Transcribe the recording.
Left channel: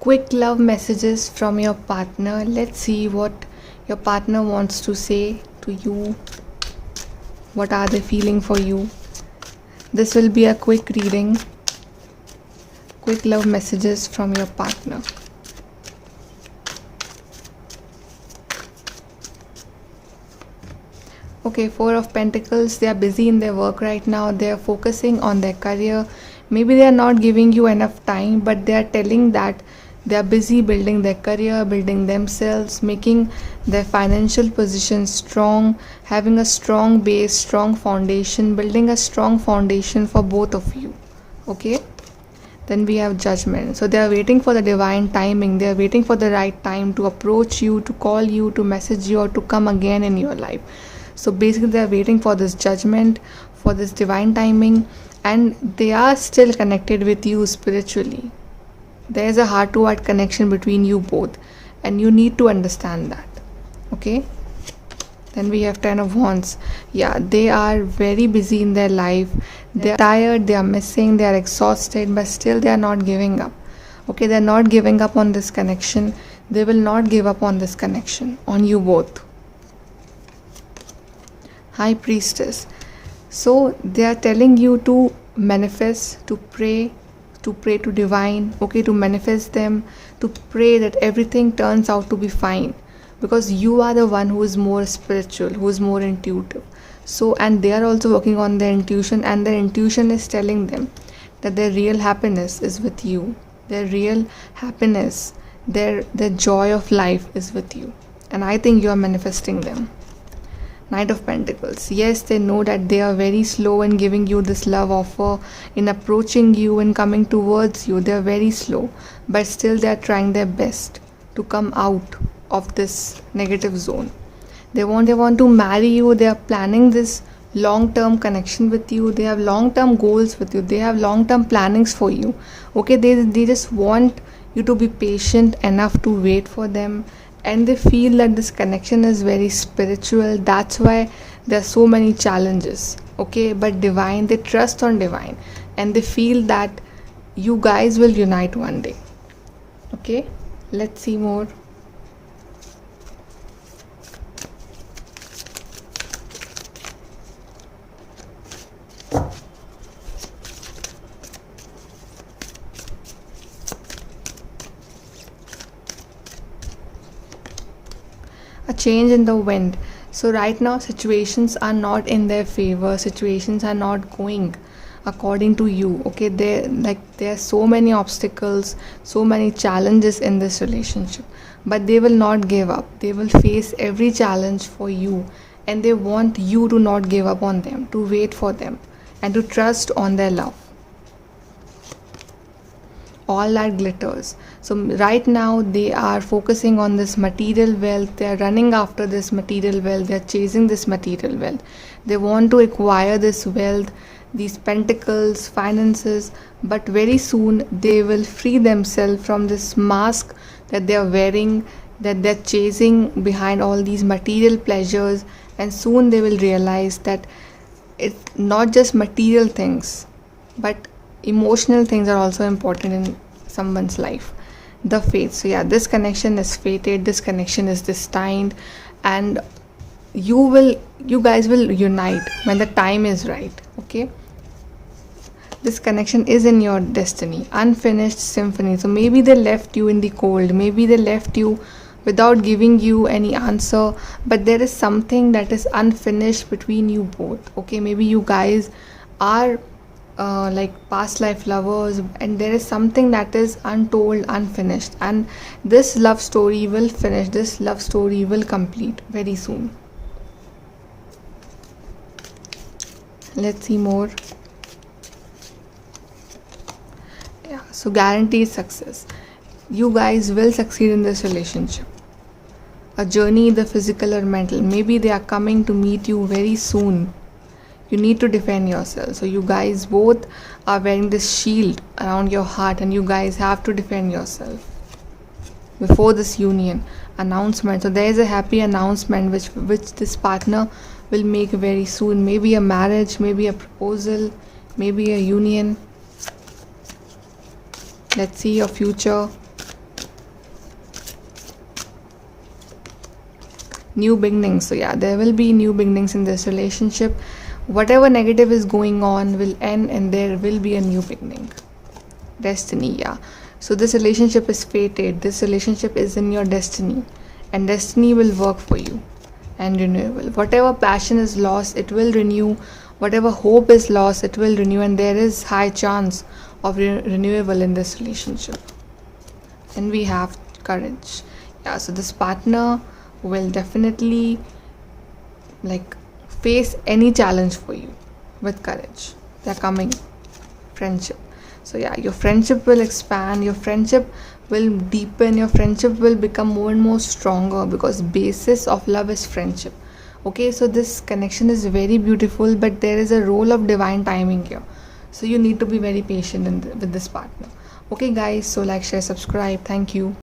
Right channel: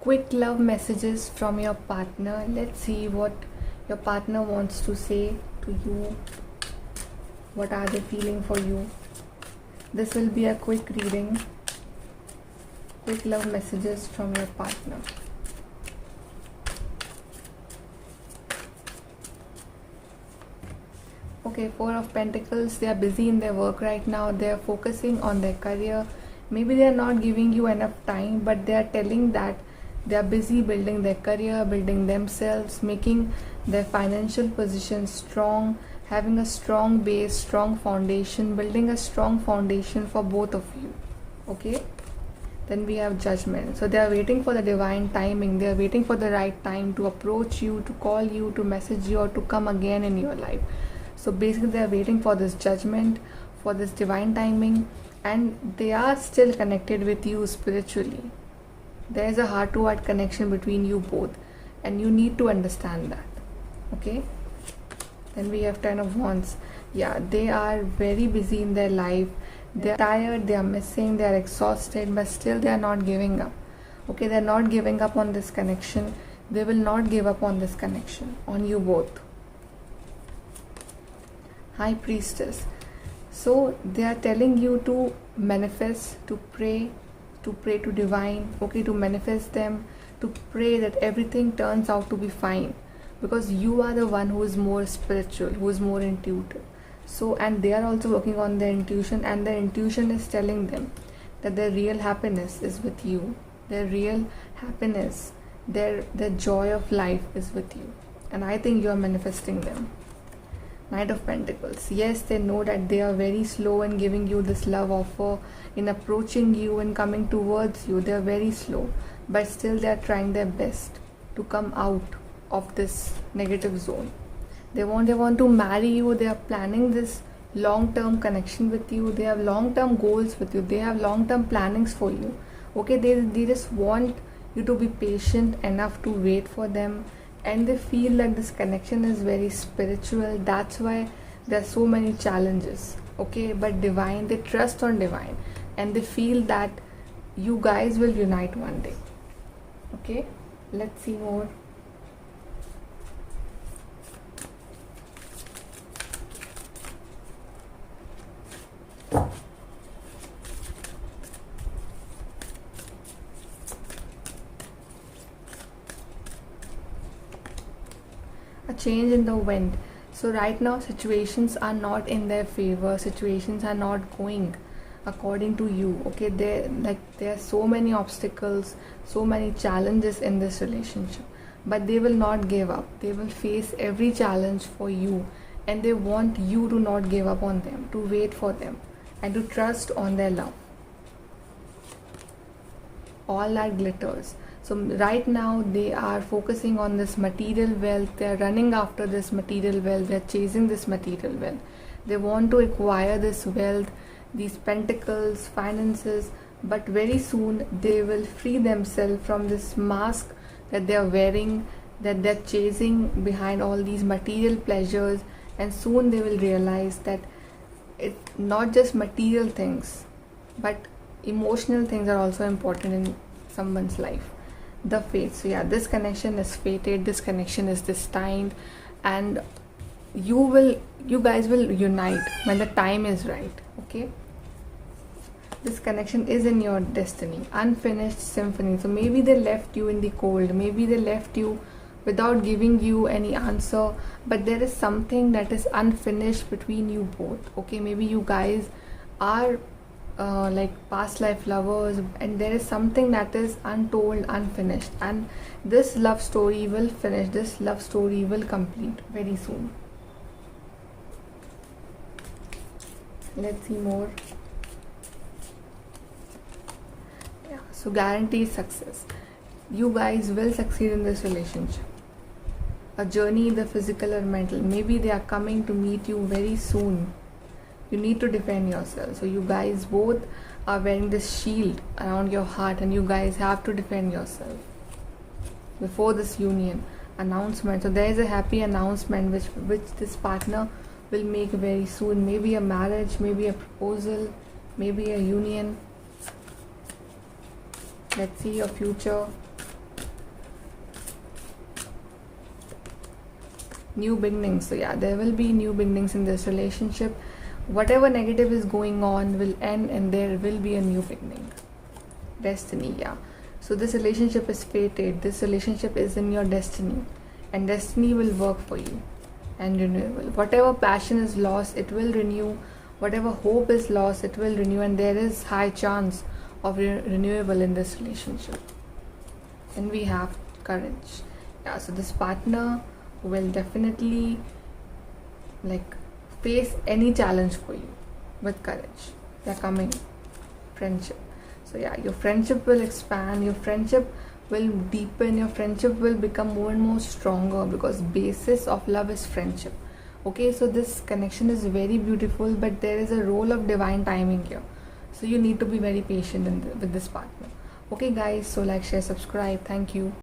quick love messages from your partner. Let's see what your partner wants to say to you. What are they feeling for you? This will be a quick reading. Quick love messages from your partner. Okay, Four of Pentacles. They are busy in their work right now. They are focusing on their career. Maybe they are not giving you enough time, but they are telling that they are busy building their career, building themselves, making their financial position strong, having a strong base, strong foundation, building a strong foundation for both of you. Okay? Then we have Judgment. So they are waiting for the divine timing. They are waiting for the right time to approach you, to call you, to message you, or to come again in your life. So basically they are waiting for this judgment, for this divine timing, and they are still connected with you spiritually. There is a heart-to-heart connection between you both, and you need to understand that. Okay? Then we have Ten of Wands. Yeah, they are very busy in their life. They are tired, they are missing, they are exhausted, but still they are not giving up. Okay, they are not giving up on this connection. They will not give up on this connection, on you both. High Priestess. So they are telling you to manifest, to pray to divine, okay, to manifest them, to pray that everything turns out to be fine, because you are the one who is more spiritual, who is more intuitive. So, and they are also working on their intuition, and their intuition is telling them that their real happiness is with you. Their real happiness, their joy of life is with you, and I think you are manifesting them. Knight of Pentacles. Yes, they know that they are very slow in giving you this love offer, in approaching you and coming towards you. They are very slow, but still they are trying their best to come out of this negative zone. They want to marry you. They are planning this long-term connection with you. They have long-term goals with you. They have long-term plannings for you. Okay, they just want you to be patient enough to wait for them, and they feel that this connection is very spiritual. That's why there are so many challenges. Okay, but divine, they trust on divine, and they feel that you guys will unite one day. Okay, let's see more. A change in the wind. So right now situations are not in their favor. Situations are not going according to you. Okay, there are so many obstacles, so many challenges in this relationship, but they will not give up. They will face every challenge for you, and they want you to not give up on them, to wait for them, and to trust on their love. All that glitters. So right now they are focusing on this material wealth. They are running after this material wealth. They are chasing this material wealth. They want to acquire this wealth, these pentacles, finances, but very soon they will free themselves from this mask that they are wearing, that they're chasing behind all these material pleasures, and soon they will realize that it's not just material things, but emotional things are also important in someone's life. The fate. So yeah, this connection is fated, this connection is destined, and you guys will unite when the time is right. Okay, this connection is in your destiny, unfinished symphony. So maybe they left you in the cold, maybe they left you without giving you any answer, but there is something that is unfinished between you both. Okay, maybe you guys are like past life lovers, and there is something that is untold, unfinished, and this love story will finish, this love story will complete very soon. Let's see more. Yeah, so guaranteed success. You guys will succeed in this relationship. A journey, either physical or mental. Maybe they are coming to meet you very soon. You need to defend yourself. So you guys both are wearing this shield around your heart, and you guys have to defend yourself before this union announcement. So there is a happy announcement which this partner will make very soon. Maybe a marriage, maybe a proposal, maybe a union. Let's see your future. new beginnings. So yeah, there will be new beginnings in this relationship. Whatever negative is going on will end, and there will be a new beginning. Destiny, yeah. So this relationship is fated. This relationship is in your destiny, and destiny will work for you. And renewable, whatever passion is lost, it will renew. Whatever hope is lost, it will renew, and there is high chance of renewable in this relationship. And we have courage. Yeah, so this partner will definitely like face any challenge for you with courage. They're coming. Friendship. So yeah, your friendship will expand, your friendship will deepen, your friendship will become more and more stronger, because basis of love is friendship. Okay, so this connection is very beautiful, but there is a role of divine timing here. So you need to be very patient with this partner. Okay guys, so like, share, subscribe. Thank you.